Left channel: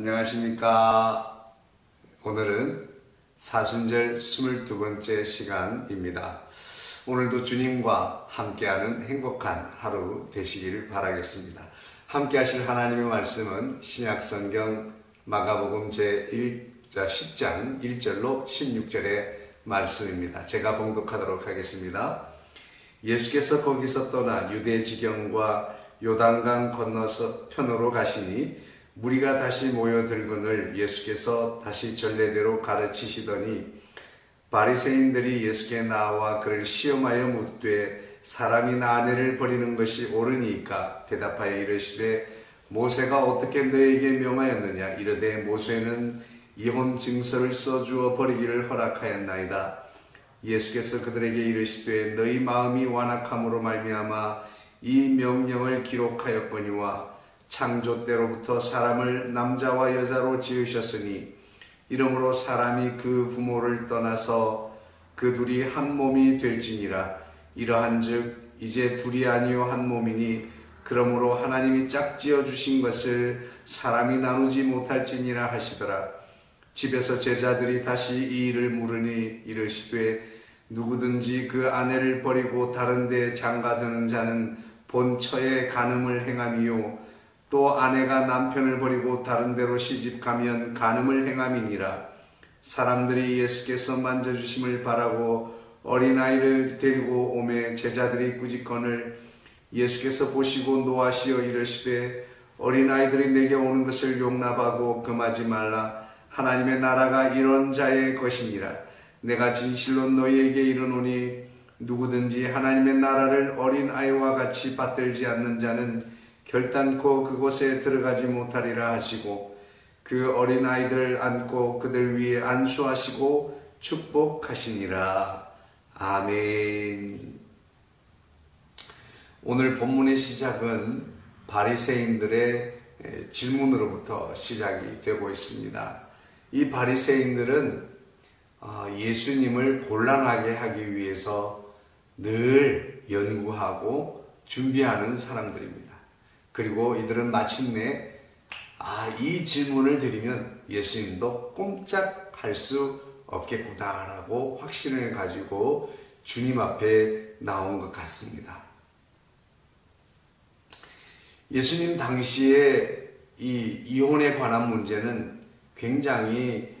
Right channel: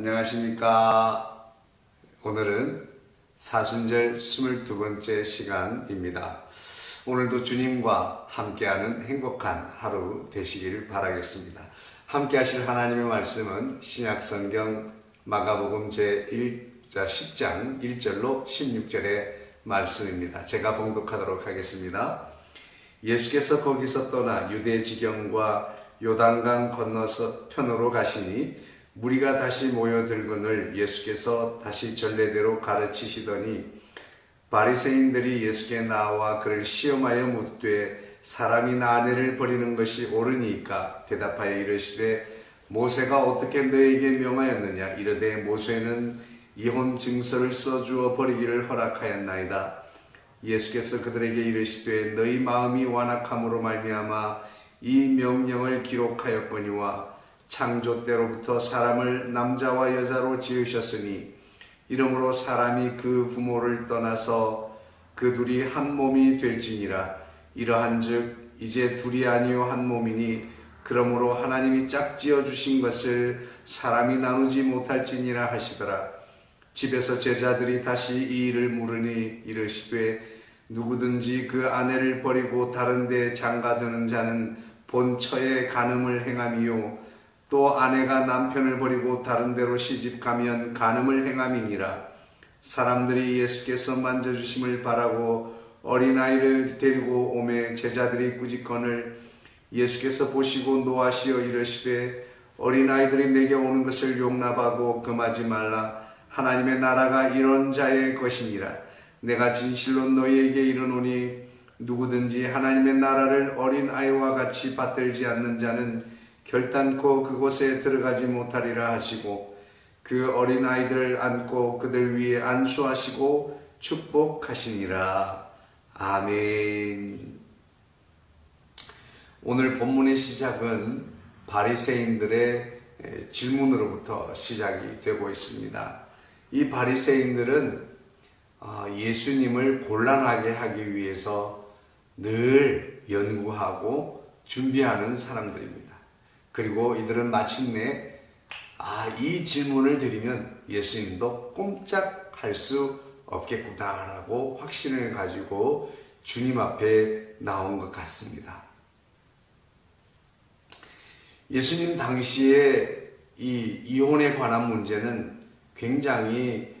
안녕하십니까. 오늘은 사순절 22번째 시간입니다. 오늘도 주님과 함께하는 행복한 하루 되시길 바라겠습니다. 함께 하실 하나님의 말씀은 신약성경 마가복음 제10장 1절로 16절의 말씀입니다. 제가 봉독하도록 하겠습니다. 예수께서 거기서 떠나 유대 지경과 요단강 건너서 편으로 가시니 무리가 다시 모여들거늘 예수께서 다시 전례대로 가르치시더니 바리새인들이 예수께 나와 그를 시험하여 묻되 사람이 아내를 버리는 것이 옳으니까 대답하여 이르시되 모세가 어떻게 너에게 명하였느냐 이르되 모세는 이혼 증서를 써주어 버리기를 허락하였나이다. 예수께서 그들에게 이르시되 너희 마음이 완악함으로 말미암아 이 명령을 기록하였거니와 창조 때로부터 사람을 남자와 여자로 지으셨으니 이러므로 사람이 그 부모를 떠나서 그 둘이 한 몸이 될지니라. 이러한즉 이제 둘이 아니요 한 몸이니 그러므로 하나님이 짝지어 주신 것을 사람이 나누지 못할지니라 하시더라. 집에서 제자들이 다시 이 일을 물으니 이르시되 누구든지 그 아내를 버리고 다른 데 장가드는 자는 본처에 간음을 행함이요 또 아내가 남편을 버리고 다른 데로 시집가면 간음을 행함이니라. 사람들이 예수께서 만져주심을 바라고 어린아이를 데리고 오매 제자들이 꾸짖거늘 예수께서 보시고 노하시어 이르시되 어린아이들이 내게 오는 것을 용납하고 금하지 말라. 하나님의 나라가 이런 자의 것이니라. 내가 진실로 너희에게 이르노니 누구든지 하나님의 나라를 어린아이와 같이 받들지 않는 자는 결단코 그곳에 들어가지 못하리라 하시고 그 어린아이들을 안고 그들 위에 안수하시고 축복하시니라. 아멘. 오늘 본문의 시작은 바리새인들의 질문으로부터 시작이 되고 있습니다. 이 바리새인들은 예수님을 곤란하게 하기 위해서 늘 연구하고 준비하는 사람들입니다. 그리고 이들은 마침내 이 질문을 드리면 예수님도 꼼짝할 수 없겠구나라고 확신을 가지고 주님 앞에 나온 것 같습니다. 예수님 당시에 이 이혼에 관한 문제는 굉장히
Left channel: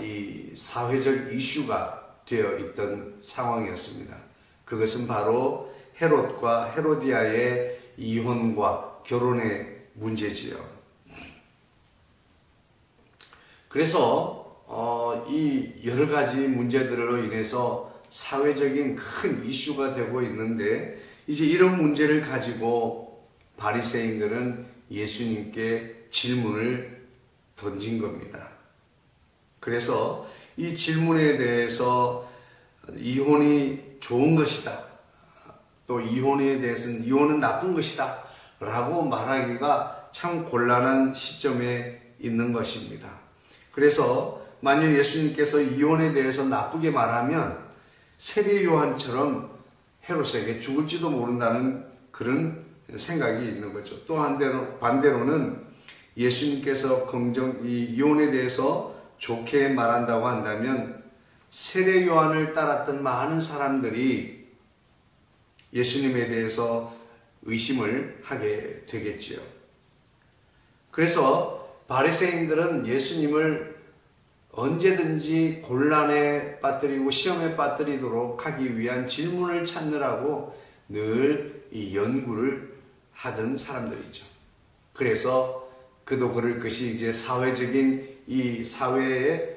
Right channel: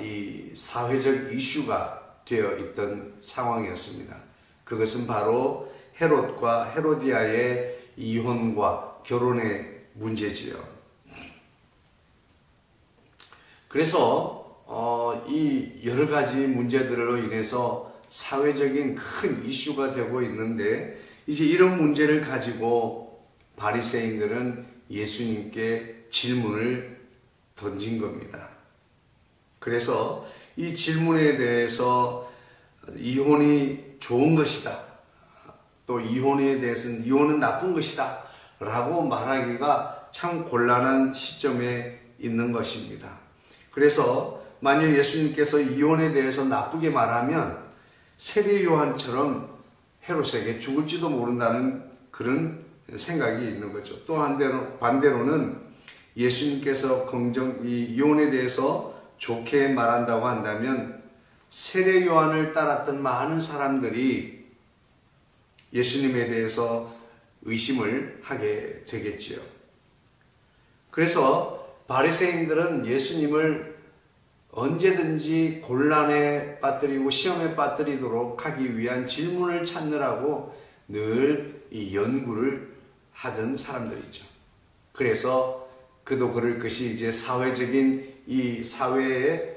이 사회적 이슈가 되어 있던 상황이었습니다. 그것은 바로 헤롯과 헤로디아의 이혼과 결혼의 문제지요. 그래서 이 여러 가지 문제들로 인해서 사회적인 큰 이슈가 되고 있는데 이제 이런 문제를 가지고 바리새인들은 예수님께 질문을 던진 겁니다. 그래서 이 질문에 대해서 이혼이 좋은 것이다. 또 이혼에 대해서는 이혼은 나쁜 것이다. 라고 말하기가 참 곤란한 시점에 있는 것입니다. 그래서 만일 예수님께서 이혼에 대해서 나쁘게 말하면 세례 요한처럼 헤롯에게 죽을지도 모른다는 그런 생각이 있는 거죠. 또 반대로는 예수님께서 이 이혼에 대해서 좋게 말한다고 한다면 세례 요한을 따랐던 많은 사람들이 예수님에 대해서 의심을 하게 되겠지요. 그래서 바리새인들은 예수님을 언제든지 곤란에 빠뜨리고 시험에 빠뜨리도록 하기 위한 질문을 찾느라고 늘 이 연구를 하던 사람들이죠. 그래서 그도 그럴 것이 이제 사회적인 이 사회의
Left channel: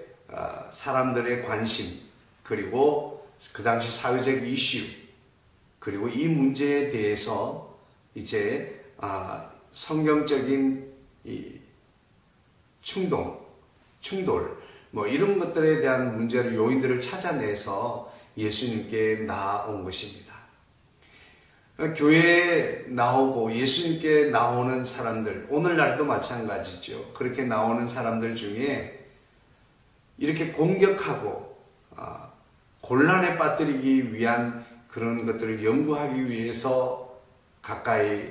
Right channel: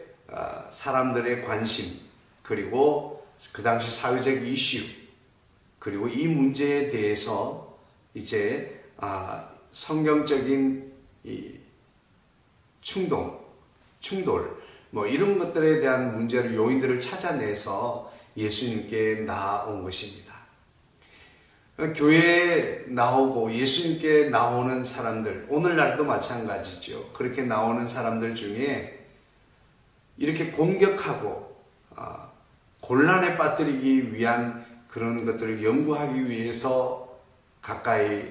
사람들의 관심 그리고 그 당시 사회적 이슈 그리고 이 문제에 대해서 이제 성경적인 이 충돌 이런 것들에 대한 문제를 요인들을 찾아내서 예수님께 나아온 것입니다. 교회에 나오고 예수님께 나오는 사람들 오늘날도 마찬가지죠. 그렇게 나오는 사람들 중에 이렇게 공격하고 곤란에 빠뜨리기 위한 그런 것들을 연구하기 위해서 가까이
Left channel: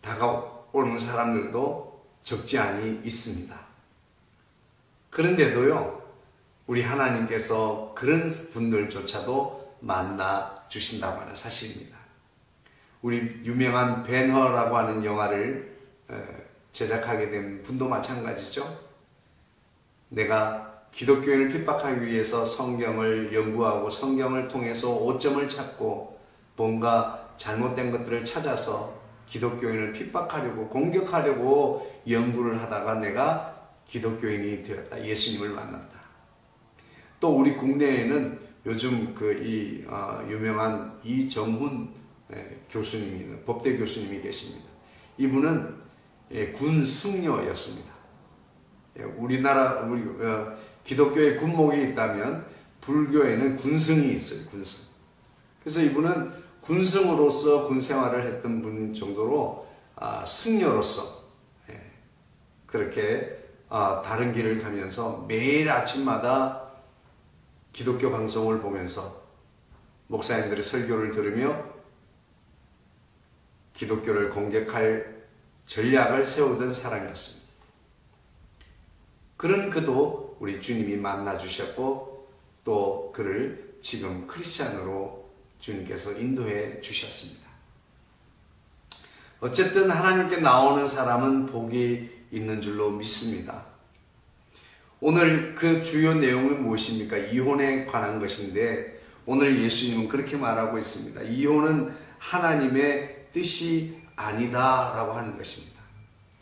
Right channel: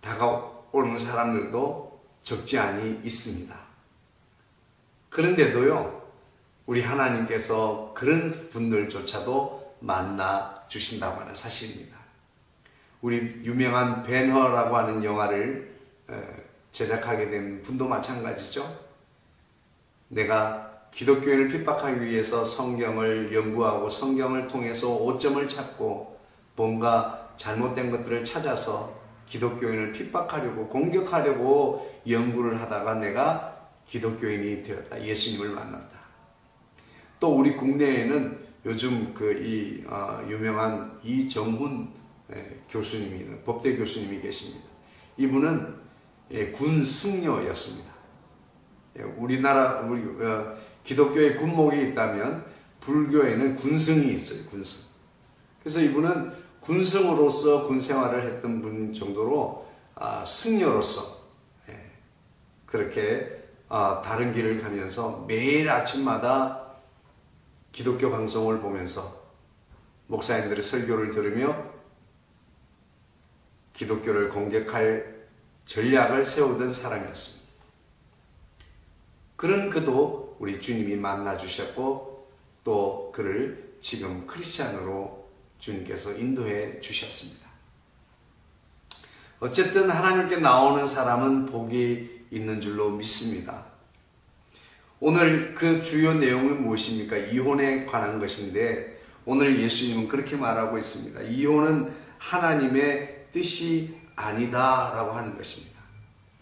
다가오는 사람들도 적지 않이 있습니다. 그런데도요, 우리 하나님께서 그런 분들조차도 만나 주신다고 하는 사실입니다. 우리 유명한 벤허라고 하는 영화를 제작하게 된 분도 마찬가지죠. 내가 기독교인을 핍박하기 위해서 성경을 연구하고 성경을 통해서 오점을 찾고 뭔가 잘못된 것들을 찾아서 기독교인을 핍박하려고 공격하려고 연구를 하다가 내가 기독교인이 되었다. 예수님을 만났다. 또 우리 국내에는 요즘 유명한 이정훈 교수님이, 법대 교수님이 계십니다. 이분은 군 승려였습니다. 우리나라 기독교에 군목이 있다면 불교에는 군승이 있어요. 군승. 그래서 이분은 군승으로서 군 생활을 했던 분 정도로 승려로서 그렇게 다른 길을 가면서 매일 아침마다 기독교 방송을 보면서 목사님들의 설교를 들으며 기독교를 공격할 전략을 세우던 사람이었습니다. 그런 그도 우리 주님이 만나 주셨고 또 그를 지금 크리스찬으로 주님께서 인도해 주셨습니다. 어쨌든 하나님께 나오는 사람은 복이 있는 줄로 믿습니다. 오늘 그 주요 내용은 무엇입니까? 이혼에 관한 것인데 오늘 예수님은 그렇게 말하고 있습니다. 이혼은 하나님의 뜻이 아니다 라고 하는 것입니다.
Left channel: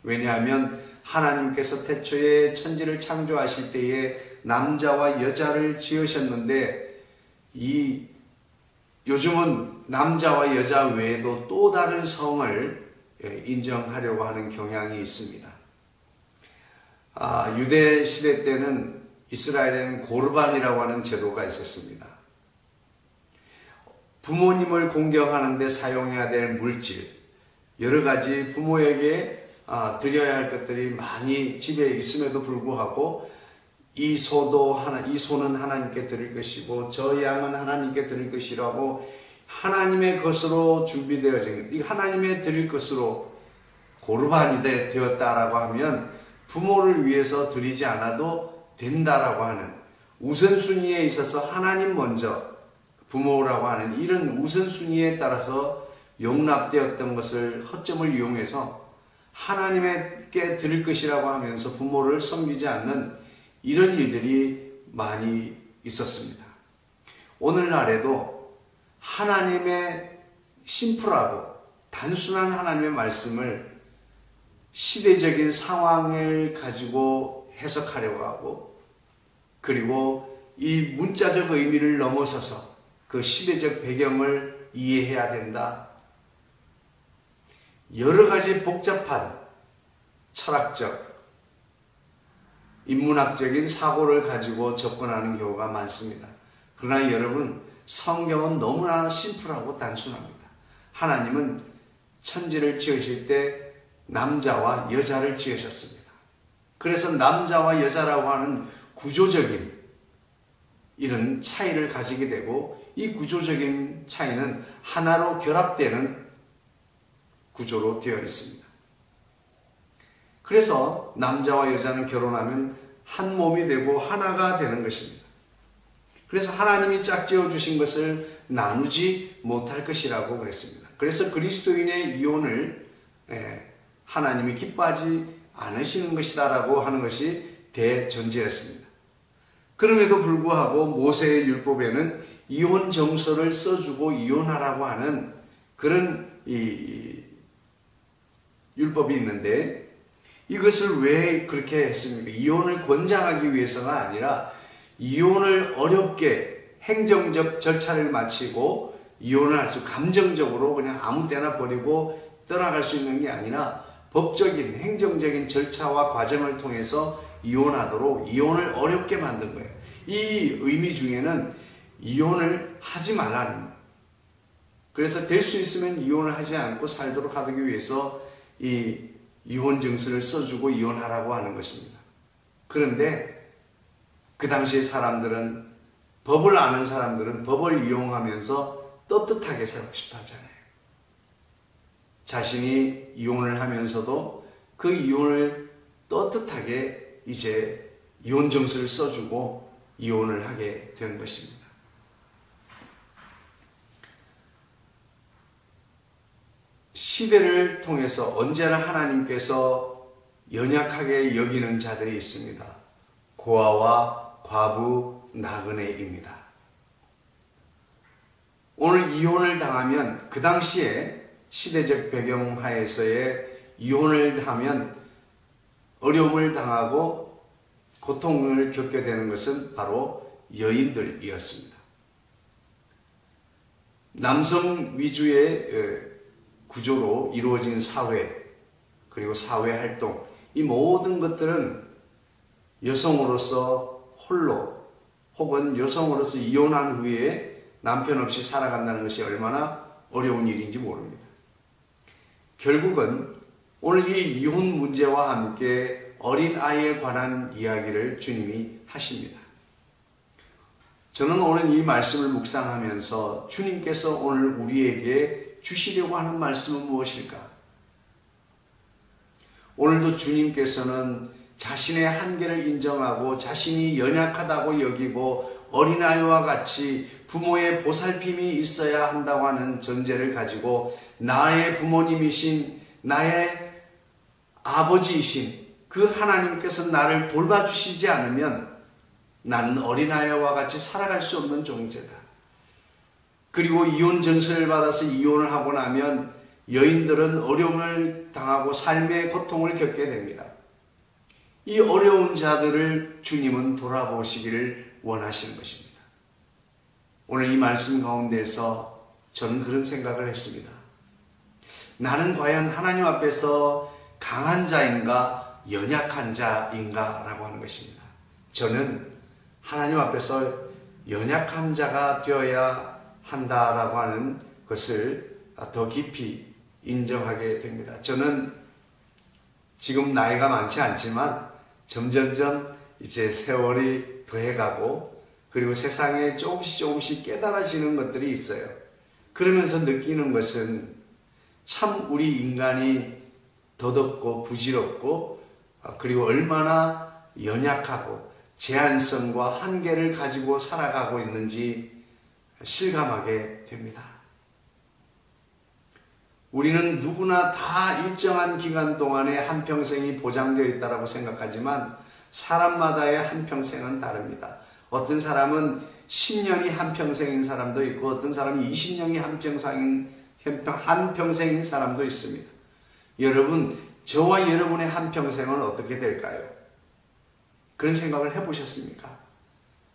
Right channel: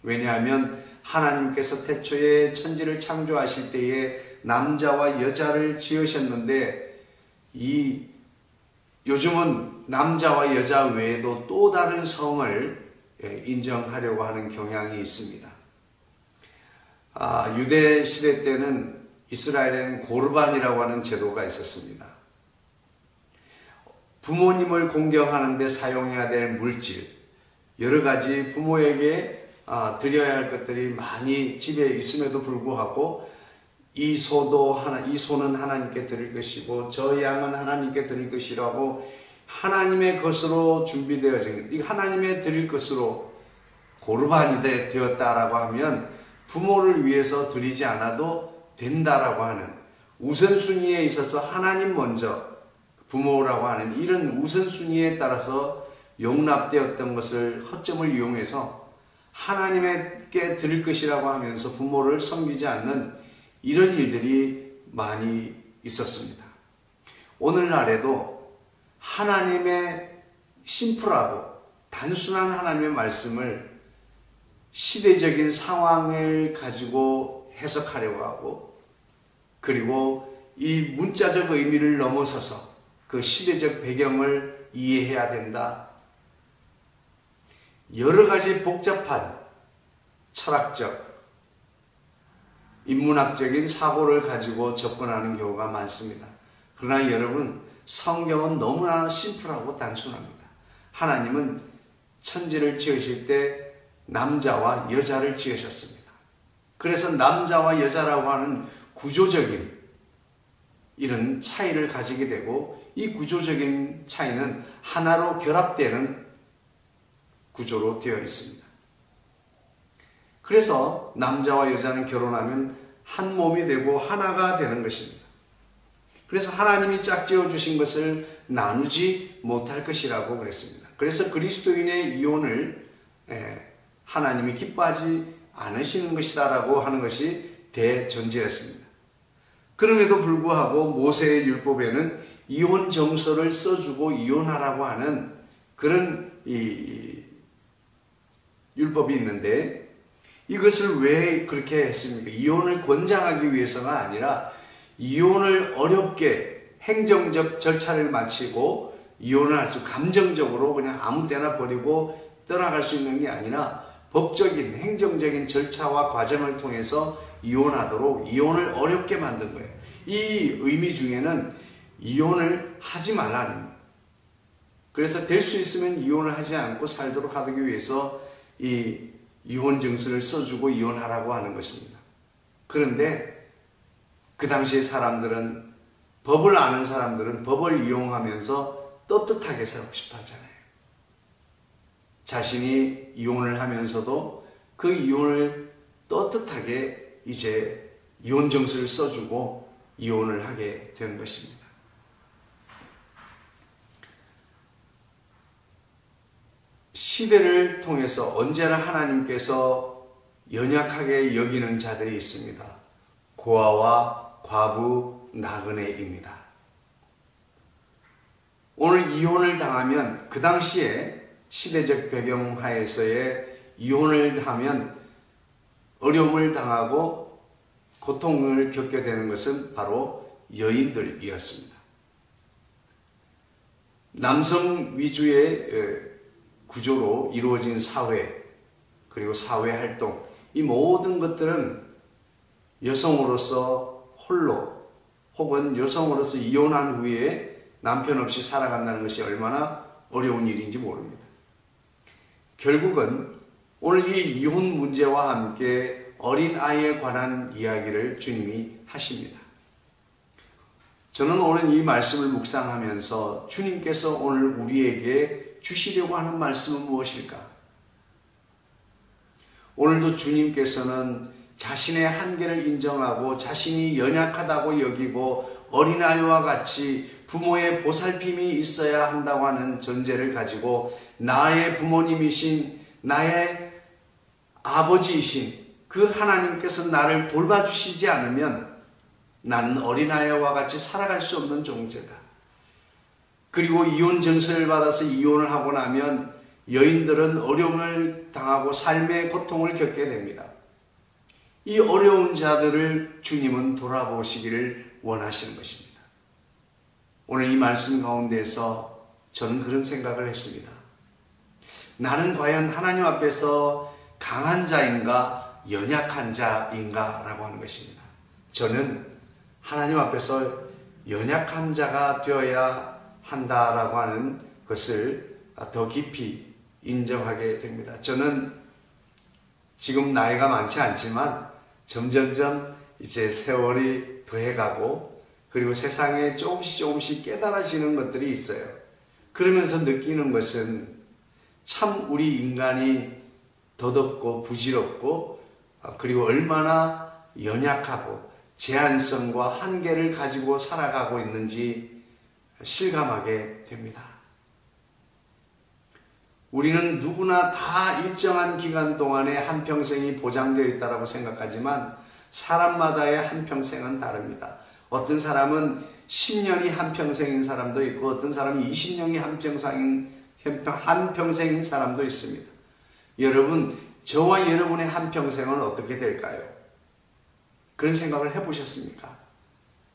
왜냐하면 하나님께서 태초에 천지를 창조하실 때에 남자와 여자를 지으셨는데 요즘은 남자와 여자 외에도 또 다른 성을 인정하려고 하는 경향이 있습니다. 유대 시대 때는 이스라엘에는 고르반이라고 하는 제도가 있었습니다. 부모님을 공경하는데 사용해야 될 물질, 여러 가지 부모에게 드려야 할 것들이 많이 집에 있음에도 불구하고 이 소는 하나님께 드릴 것이고 저 양은 하나님께 드릴 것이라고 하나님의 것으로 준비되어진 이 하나님의 드릴 것으로 고르반이 되었다라고 하면 부모를 위해서 드리지 않아도 된다라고 하는 우선순위에 있어서 하나님 먼저 부모라고 하는 이런 우선순위에 따라서 용납되었던 것을 허점을 이용해서 하나님께 드릴 것이라고 하면서 부모를 섬기지 않는 이런 일들이 많이 있었습니다. 오늘날에도 하나님의 심플하고 단순한 하나님의 말씀을 시대적인 상황을 가지고 해석하려고 하고 그리고 이 문자적 의미를 넘어서서 그 시대적 배경을 이해해야 된다. 여러 가지 복잡한 철학적, 인문학적인 사고를 가지고 접근하는 경우가 많습니다. 그러나 여러분, 성경은 너무나 심플하고 단순합니다. 하나님은 천지를 지으실 때 남자와 여자를 지으셨습니다. 그래서 남자와 여자라고 하는 구조적인 이런 차이를 가지게 되고 이 구조적인 차이는 하나로 결합되는 구조로 되어 있습니다. 그래서 남자와 여자는 결혼하면 한 몸이 되고 하나가 되는 것입니다. 그래서 하나님이 짝지어 주신 것을 나누지 못할 것이라고 그랬습니다. 그래서 그리스도인의 이혼을 하나님이 기뻐하지 않으시는 것이다라고 하는 것이 대전제였습니다. 그럼에도 불구하고 모세의 율법에는 이혼 정서를 써주고 이혼하라고 하는 그런 율법이 있는데 이것을 왜 그렇게 했습니까? 이혼을 권장하기 위해서가 아니라 이혼을 어렵게 행정적 절차를 마치고 이혼을 할 수 감정적으로 그냥 아무 때나 버리고 떠나갈 수 있는 게 아니라 법적인 행정적인 절차와 과정을 통해서 이혼하도록 이혼을 어렵게 만든 거예요. 이 의미 중에는 이혼을 하지 말라는, 그래서 될 수 있으면 이혼을 하지 않고 살도록 하기 위해서 이 이혼 증서를 써주고 이혼하라고 하는 것입니다. 그런데 그 당시의 사람들은, 법을 아는 사람들은 법을 이용하면서 떳떳하게 살고 싶어 하잖아요. 자신이 이혼을 하면서도 그 이혼을 떳떳하게 이제 이혼 정서를 써주고 이혼을 하게 된 것입니다. 시대를 통해서 언제나 하나님께서 연약하게 여기는 자들이 있습니다. 고아와 과부, 나그네입니다. 오늘 이혼을 당하면 그 당시에 시대적 배경 하에서의 이혼을 하면 어려움을 당하고 고통을 겪게 되는 것은 바로 여인들이었습니다. 남성 위주의 구조로 이루어진 사회, 그리고 사회활동, 이 모든 것들은 여성으로서 홀로 혹은 여성으로서 이혼한 후에 남편 없이 살아간다는 것이 얼마나 어려운 일인지 모릅니다. 결국은 오늘 이 이혼 문제와 함께 어린아이에 관한 이야기를 주님이 하십니다. 저는 오늘 이 말씀을 묵상하면서 주님께서 오늘 우리에게 주시려고 하는 말씀은 무엇일까? 오늘도 주님께서는 자신의 한계를 인정하고 자신이 연약하다고 여기고 어린아이와 같이 부모의 보살핌이 있어야 한다고 하는 전제를 가지고 나의 부모님이신 나의 아버지이신 그 하나님께서 나를 돌봐주시지 않으면 나는 어린아이와 같이 살아갈 수 없는 존재다. 그리고 이혼 정서를 받아서 이혼을 하고 나면 여인들은 어려움을 당하고 삶의 고통을 겪게 됩니다. 이 어려운 자들을 주님은 돌아보시기를 원하시는 것입니다. 오늘 이 말씀 가운데서 저는 그런 생각을 했습니다. 나는 과연 하나님 앞에서 강한 자인가 연약한 자인가 라고 하는 것입니다. 저는 하나님 앞에서 연약한 자가 되어야 한다라고 하는 것을 더 깊이 인정하게 됩니다. 저는 지금 나이가 많지 않지만 점점점 이제 세월이 더해가고 그리고 세상에 조금씩 깨달아지는 것들이 있어요. 그러면서 느끼는 것은 참 우리 인간이 더덥고 부질없고 그리고 얼마나 연약하고 제한성과 한계를 가지고 살아가고 있는지 실감하게 됩니다. 우리는 누구나 다 일정한 기간 동안에 한평생이 보장되어 있다고 생각하지만 사람마다의 한평생은 다릅니다. 어떤 사람은 10년이 한평생인 사람도 있고 어떤 사람은 20년이 한평생인 사람도 있습니다. 여러분, 저와 여러분의 한평생은 어떻게 될까요? 그런 생각을 해보셨습니까?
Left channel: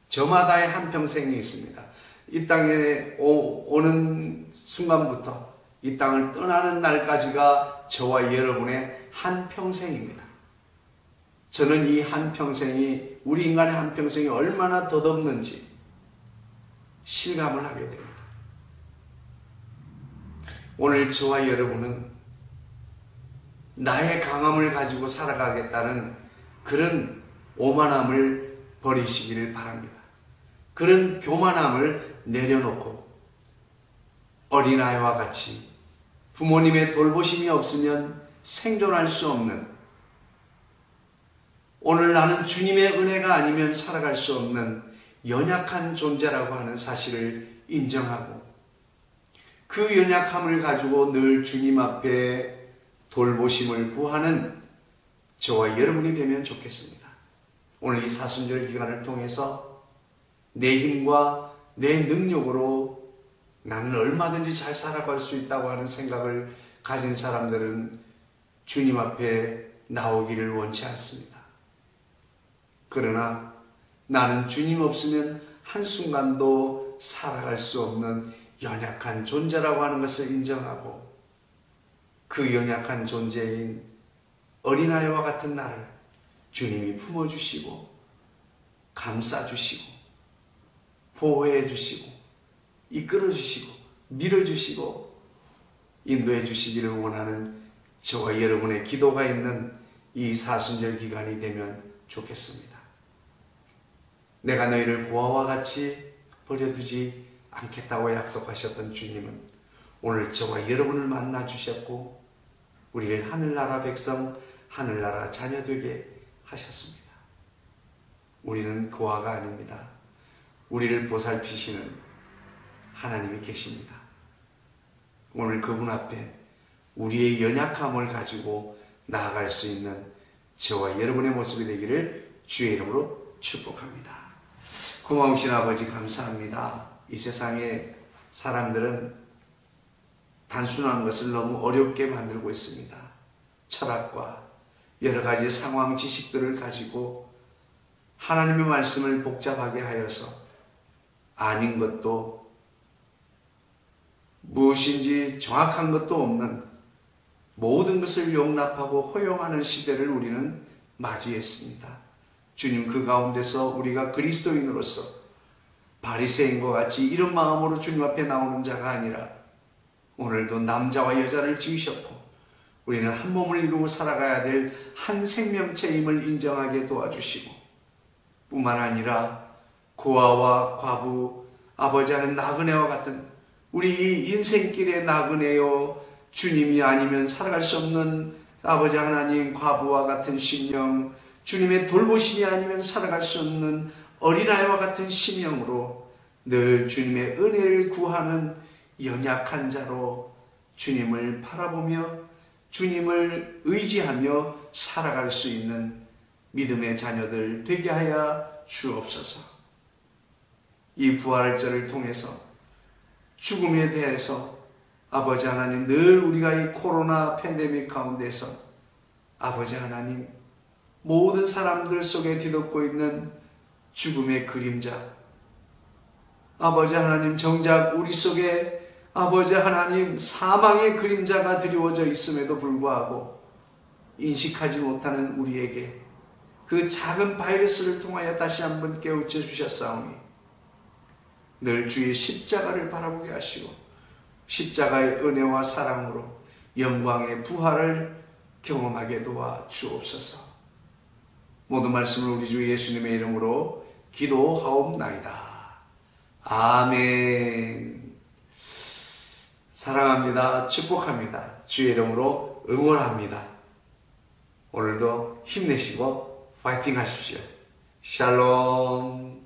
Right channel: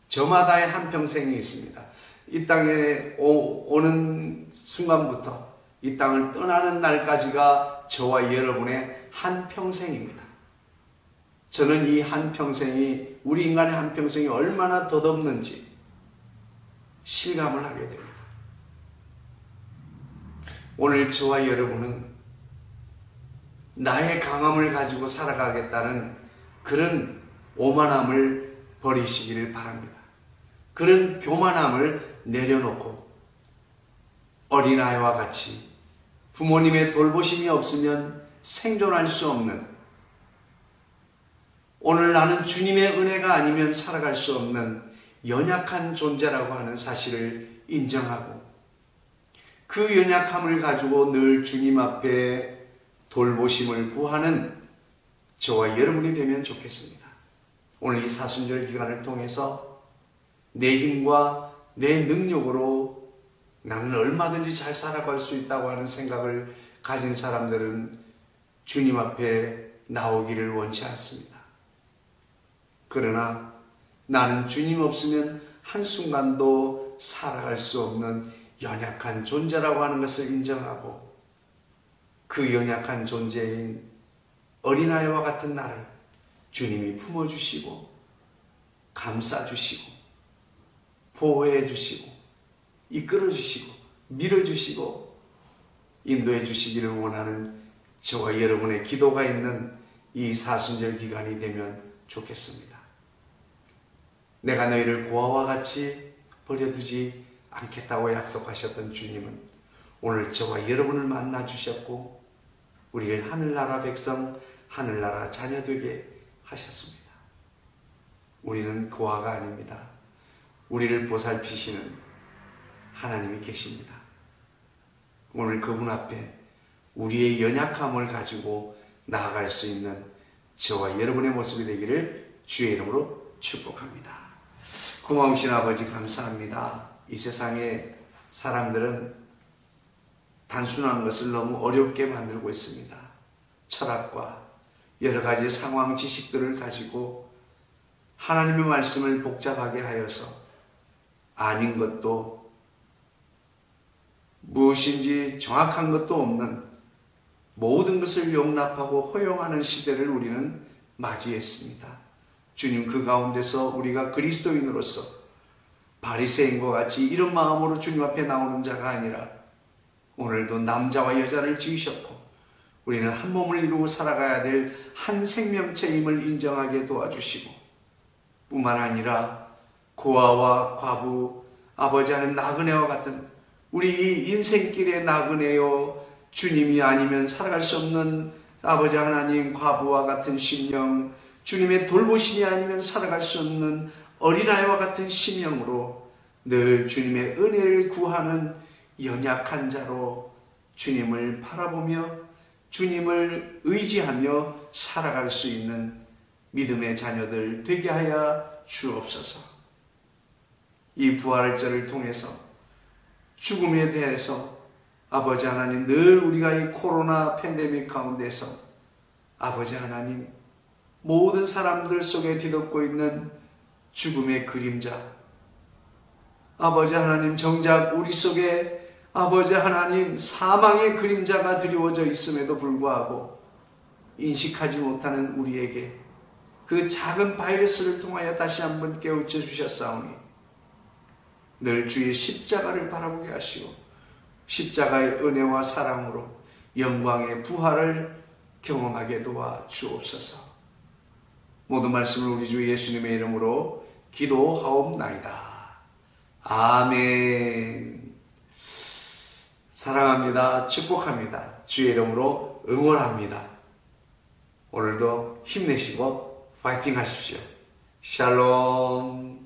저마다의 한평생이 있습니다. 이 땅에 오는 순간부터 이 땅을 떠나는 날까지가 저와 여러분의 한평생입니다. 저는 이 한평생이 우리 인간의 한평생이 얼마나 덧없는지 실감을 하게 됩니다. 오늘 저와 여러분은 나의 강함을 가지고 살아가겠다는 그런 오만함을 버리시기를 바랍니다. 그런 교만함을 내려놓고 어린아이와 같이 부모님의 돌보심이 없으면 생존할 수 없는, 오늘 나는 주님의 은혜가 아니면 살아갈 수 없는 연약한 존재라고 하는 사실을 인정하고 그 연약함을 가지고 늘 주님 앞에 돌보심을 구하는 저와 여러분이 되면 좋겠습니다. 오늘 이 사순절 기간을 통해서 내 힘과 내 능력으로 나는 얼마든지 잘 살아갈 수 있다고 하는 생각을 가진 사람들은 주님 앞에 나오기를 원치 않습니다. 그러나 나는 주님 없으면 한순간도 살아갈 수 없는 연약한 존재라고 하는 것을 인정하고 그 연약한 존재인 어린아이와 같은 나를 주님이 품어주시고 감싸주시고 보호해주시고 이끌어주시고 밀어주시고 인도해주시기를 원하는 저와 여러분의 기도가 있는 이 사순절 기간이 되면 좋겠습니다. 내가 너희를 고아와 같이 버려두지 않겠다고 약속하셨던 주님은 오늘 저와 여러분을 만나 주셨고 우리를 하늘나라 백성, 하늘나라 자녀 되게 하셨습니다. 우리는 고아가 아닙니다. 우리를 보살피시는 하나님이 계십니다. 오늘 그분 앞에 우리의 연약함을 가지고 나아갈 수 있는 저와 여러분의 모습이 되기를 주의 이름으로 축복합니다. 고마우신 아버지 감사합니다. 이 세상에 사람들은 단순한 것을 너무 어렵게 만들고 있습니다. 철학과 여러 가지 상황 지식들을 가지고 하나님의 말씀을 복잡하게 하여서 아닌 것도 무엇인지 정확한 것도 없는 모든 것을 용납하고 허용하는 시대를 우리는 맞이했습니다. 주님, 그 가운데서 우리가 그리스도인으로서 바리새인과 같이 이런 마음으로 주님 앞에 나오는 자가 아니라 오늘도 남자와 여자를 지으셨고 우리는 한 몸을 이루고 살아가야 될 한 생명체임을 인정하게 도와주시고 뿐만 아니라 고아와 과부, 아버지 하는 나그네와 같은 우리 인생길의 나그네요 주님이 아니면 살아갈 수 없는 아버지 하나님 과부와 같은 심령, 주님의 돌보심이 아니면 살아갈 수 없는 어린아이와 같은 심령으로 늘 주님의 은혜를 구하는 연약한 자로 주님을 바라보며 주님을 의지하며 살아갈 수 있는 믿음의 자녀들 되게 하여 주옵소서. 이 부활절을 통해서 죽음에 대해서 아버지 하나님 늘 우리가 이 코로나 팬데믹 가운데서 아버지 하나님 모든 사람들 속에 뒤덮고 있는 죽음의 그림자 아버지 하나님 정작 우리 속에 아버지 하나님 사망의 그림자가 드리워져 있음에도 불구하고 인식하지 못하는 우리에게 그 작은 바이러스를 통하여 다시 한번 깨우쳐 주셨사오니 늘 주의 십자가를 바라보게 하시고 십자가의 은혜와 사랑으로 영광의 부활을 경험하게 도와 주옵소서. 모든 말씀을 우리 주 예수님의 이름으로 기도하옵나이다. 아멘. 사랑합니다. 축복합니다. 주의 이름으로 응원합니다. 오늘도 힘내시고 파이팅 하십시오. 샬롬.